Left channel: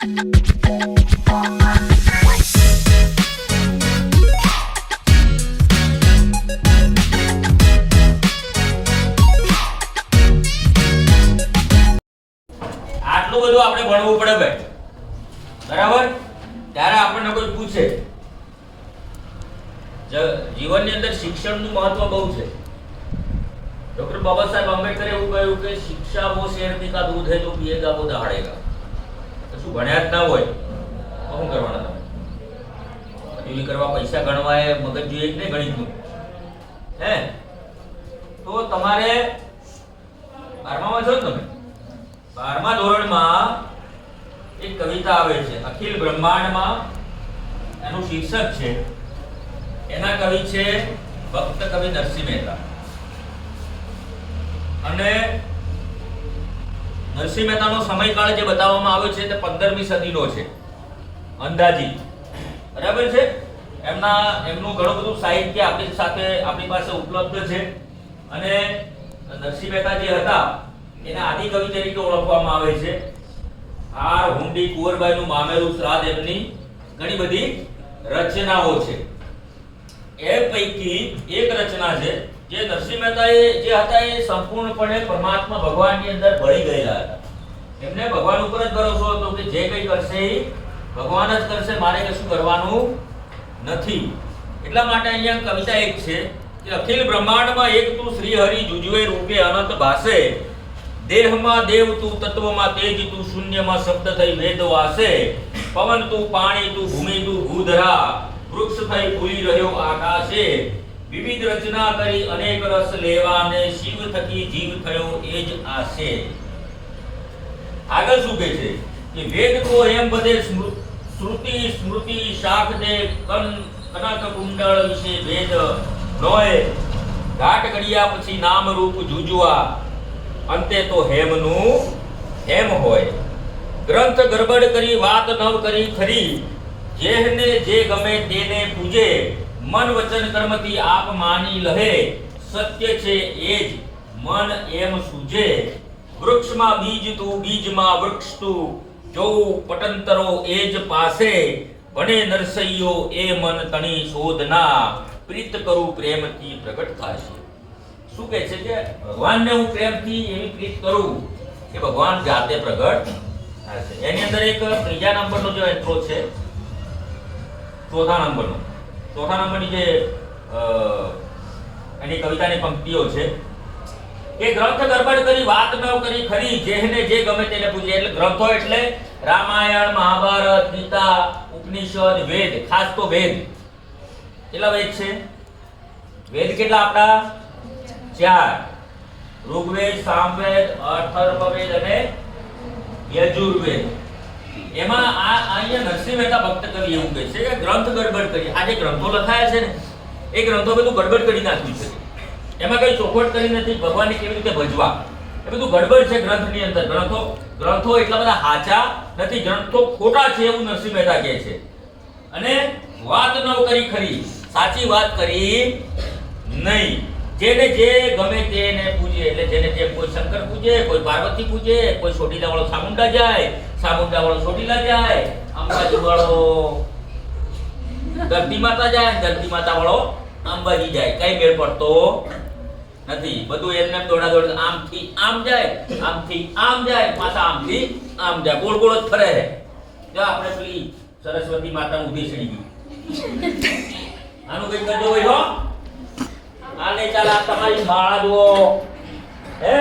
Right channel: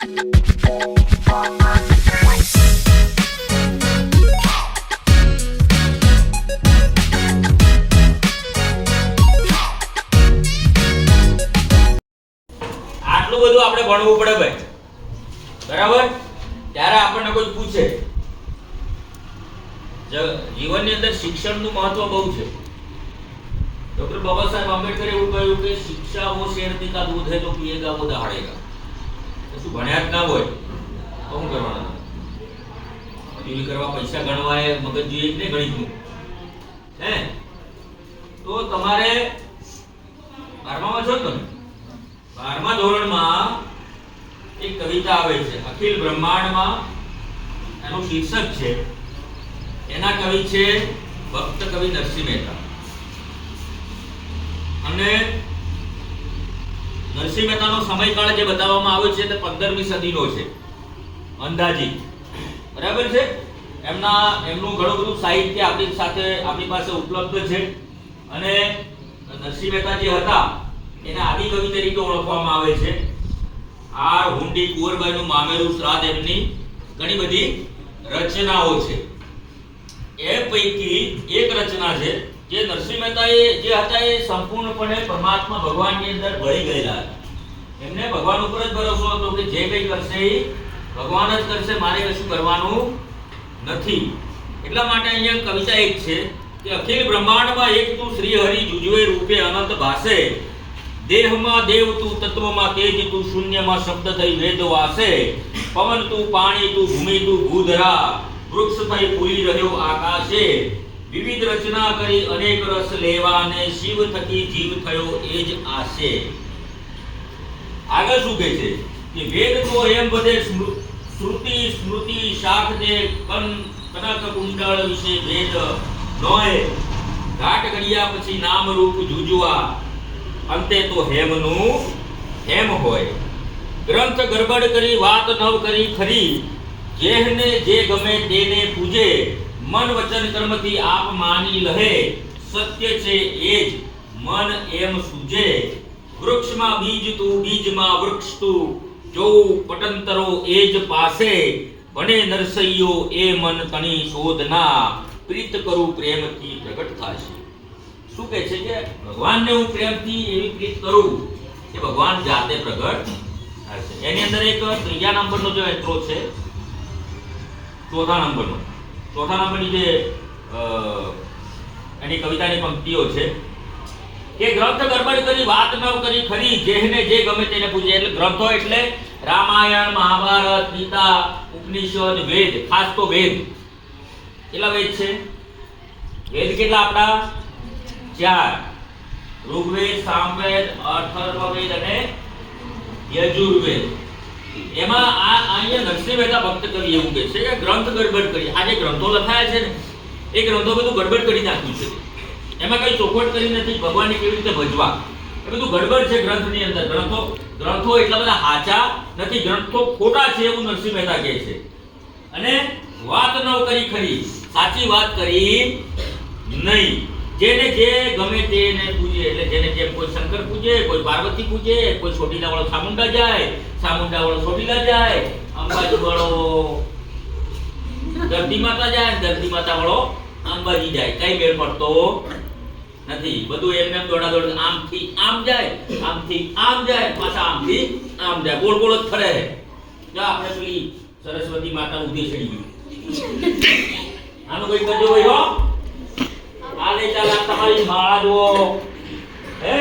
આટલું બધું આપણે ભણવું પડે ભાઈ. બરાબર? ત્યારે આપણને કોઈ પૂછે. જીવનની અંદર શિક્ષણનું મહત્વ બહુ છે. ડોક્ટર બાબા સાહેબ આંબેડકરે એવું કહ્યું કે શિક્ષા વો શેરથી કા દૂધ હે તો પીએગા વો દહાડેગા ભણ્યા જ ના હોય, તો શું કરવાના તમે? કરવા પૈસા ગણવા એ મગજ જોઈએ જ નહીં ગણિતનું હે? તો તમારે બારમામાં છો તમે? બારમા ધોરણમાં એક કવિતા આવે છે, અખિલ બ્રહ્માંડમાં એનું શીર્ષક છે, એના કવિ છે ભક્ત કવિ નરસિંહ મહેતા. અને નરસિંહ મહેતાનો સમયકાળ જે બતાવવામાં આવ્યો છે તે પંદરમી સદીનો છે. અંદાજી બરાબર છે? એમના, એમનું ઘણું બધું સાહિત્ય આપણી સાથે, આપણી પાસે ઉપલબ્ધ છે. અને નરસિંહ મહેતા જે હતા, એને આદિકવિ તરીકે ઓળખવામાં આવે છે. આર હુંડી કુંવરબાઈનું મામેરું શ્રાદ્ધ એમની ઘણી બધી રચનાઓ છે. એ પૈકી એક રચના છે જે નરસિંહ મહેતા એ જે હતા એ સંપૂર્ણપણે પરમાત્મા ભગવાનની અંદર ભળી ગયેલા હતા. એમને ભગવાન ઉપર જ ભરોસો હતો કે જે કંઈ કરશે એ ભગવાન જ કરશે, મારે કશું કરવાનું નથી. એટલા માટે અહીંયા કવિતા એક છે કે અખિલ બ્રહ્માંડમાં એક તું શ્રી હરિ જુજવે રૂપે અનંત ભાસે. દેહમાં દેવ તું તત્વમાં તેજ તું શૂન્યમાં શબ્દ થઈ વેદ વાસે પવન તું પાણી તું ભૂમિ તું ભૂધરા વૃક્ષ થઈ ભૂલી રહ્યો આકાશે. વિવિધ રચના કરી અનેક રસ લેવા અને શિવ થકી જીવ થયો એ જ આશે આગળ શું કહે છે? કે વેદ તો એમ બધે શ્રુતિ, સ્મૃતિ શાખ ને કન, કનક કુંડળ વિશે વેદ લોય ઘાટ ઘડિયા પછી નામ રૂપ જુજવા. અંતે તો હેમનું હેમ હોય. ગ્રંથ ગરબડ કરી વાત નવ કરી ખરી. જેહને જે ગમે તેને પૂજે. મન વચન કર્મથી આપ માની લહે. સત્ય છે એ જ, મન એમ સૂજે. વૃક્ષમાં બીજ તું બીજમાં વૃક્ષ તું જોવું પટંતરો એ જ પાસે. ભણે નરસૈયો એ મન તણી શોધના. પ્રીત કરું પ્રેમથી પ્રગટ થશે. શું કહે છે કે, ભગવાનને હું પ્રેમથી એવી પ્રીત કરું કે ભગવાન જાતે પ્રગટ થશે એની અંદર એક ત્રીજા નંબરનો જો એન્ટ્રો છે, ચોથા નંબરનો. ચોથા નંબરની જે એની કવિતાની પંક્તિઓ છે, કે ગ્રંથ ગરબડ વાત ન કરી ખરી જેને જે ગમે તેને પૂજે એટલે ગ્રંથો એટલે રામાયણ, મહાભારત, ગીતા, ઉપનિષદ, વેદ, ખાસ તો વેદ. કેટલા વેદ છે? વેદ કેટલા આપણા? ચાર. ઋગ્વેદ, સામવેદ અથર્વવેદ અને યજુર્વેદ. એમાં આ અહીંયા નરસિંહ મહેતા ભક્ત કવિ એવું કહે છે કે ગ્રંથ ગડબડ કરી આ જે ગ્રંથો લખાયા છે ને, એ ગ્રંથો બધું ગડબડ કરી નાખ્યું છે. એમાં કઈ ચોખવટ કરી નથી. ભગવાનને કેવી રીતે ભજવા? એ બધું ગડબડ છે ગ્રંથની અંદર. ગ્રંથો ગ્રંથો એટલા બધા હાચા નથી. ગ્રંથો ખોટા છે એવું નરસિંહ મહેતા કહે છે. અને વાત ન કરી ખરી. સાચી વાત કરી નહીં. જેને જે ગમે તેને પૂજે, એટલે જેને જેમ કોઈ શંકર પૂજે, કોઈ પાર્વતી પૂજે, કોઈ ચોટીલા વાળો સામુંડા જાય સામુંડા વાળો ચોટીલા જાય અંબાજી વાળો ધરતી માતા જાય ધરતી માતા વાળો અંબાજી જાય. કઈ મેળ પડતો નથી. બધું એમને એમ દોડા દોડ આમથી આમ જાય, આમથી આમ જાય પાછા આમથી આમ જાય. ગોળ ગોળ જ ફરે. જો આપણે સરસ્વતી માતા ઊભી ચડી ગઈ. આનું કઈ કરજો ભાઈ, હો. આ ચાલે તમારી જુઓ હે.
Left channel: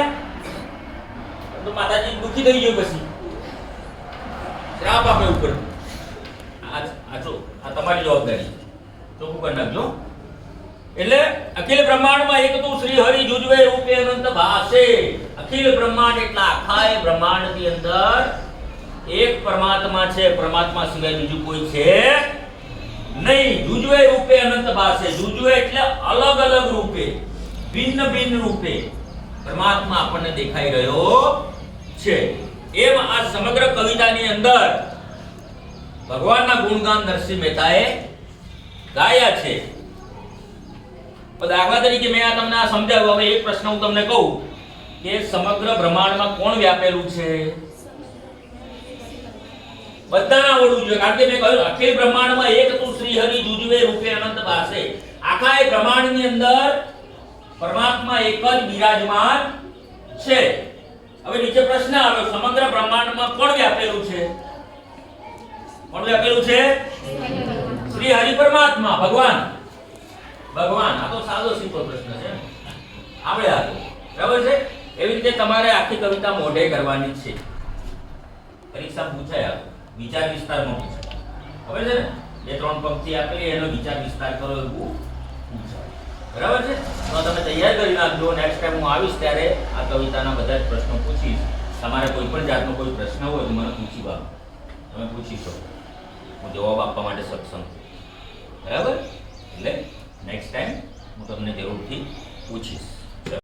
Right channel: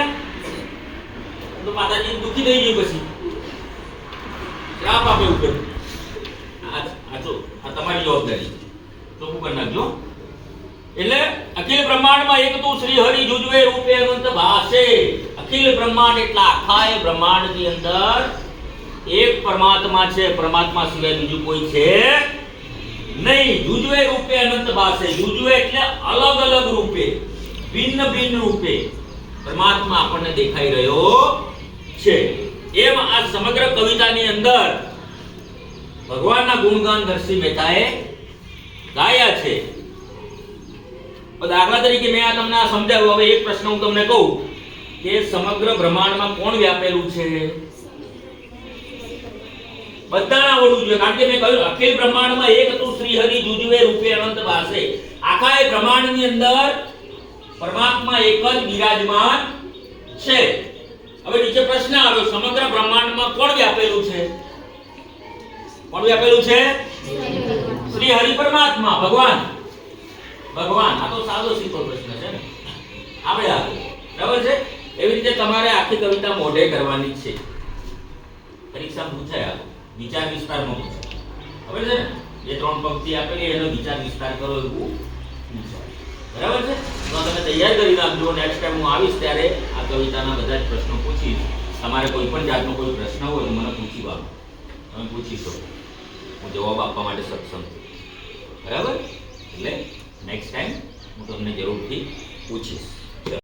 તો માતાજી દુખી થઈ ગયું પછી. શ્રાપ આપે ઉપર. આ આ તમારી જવાબદારી. ચોખ્ખું કરી નાખજો એટલે અખિલ બ્રહ્માંડમાં એક તો શ્રી હરિ જુજવે રૂપે અનંત ભાષે અખિલ બ્રહ્માંડ એટલા આખા એ બ્રહ્માંડની અંદર એક પરમાત્મા છે. પરમાત્મા સિવાય બીજું કોઈ છે નહીં, જુજવે રૂપે અનંત ભાસે જુજવે એટલે અલગ અલગ રૂપે, ભિન્ન ભિન્ન રૂપે પરમાત્મા આપણને દેખાઈ રહ્યો છે. એમ આ સમગ્ર કવિતાની અંદર ભગવાનના ગુણગાન નરસિંહ મહેતાએ ગાયા છે. દાખલા તરીકે મેં આ તમને આ સમજાવ્યું. હવે એક પ્રશ્ન હું તમને કહું કે સમગ્ર બ્રહ્માંડમાં કોણ વ્યાપેલું છે? બધાને આવડવું જોઈએ. કારણ કે મેં કહ્યું, અખિલ બ્રહ્માંડમાં એક તું શ્રી હરિ રૂપે અનંત વાસે આખા એ બ્રહ્માંડની અંદર પરમાત્મા એક જ બિરાજમાન છે. હવે નીચે પ્રશ્ન આવ્યો, સમગ્ર બ્રહ્માંડમાં કોણ વ્યાપેલું છે? કોણ વ્યાપેલું છે? શ્રી હરિ પરમાત્મા, ભગવાન. ભગવાન, આ તો સાદો, સીધો પ્રશ્ન છે આપણે આ બરાબર છે? એવી રીતે તમારે આખી કવિતા મોઢે કરવાની છે. પરીક્ષા પૂછાય આ વિચાર વિસ્તારમાં પૂછે. ખબર છે ને? બે, ત્રણ પંક્તિ આપેલી, એનો વિચાર વિસ્તાર કરો એવું બરાબર છે? તો તમે તૈયાર કરી નાખજો. નેક્સ્ટ ટાઈમ હું આવીશ ત્યારે આ કવિતાના બધા જ પ્રશ્નો પૂછીશ. તમારે કોઈ પણ જાતનો કોઈ પ્રશ્ન હોય તો મને પૂછી વાળો તમે પૂછી શકો. હું જવાબ આપવા માટે સક્ષમ છું. બરાબર? એટલે નેક્સ્ટ ટાઈમ હું તમને જરૂરથી પૂછીશ.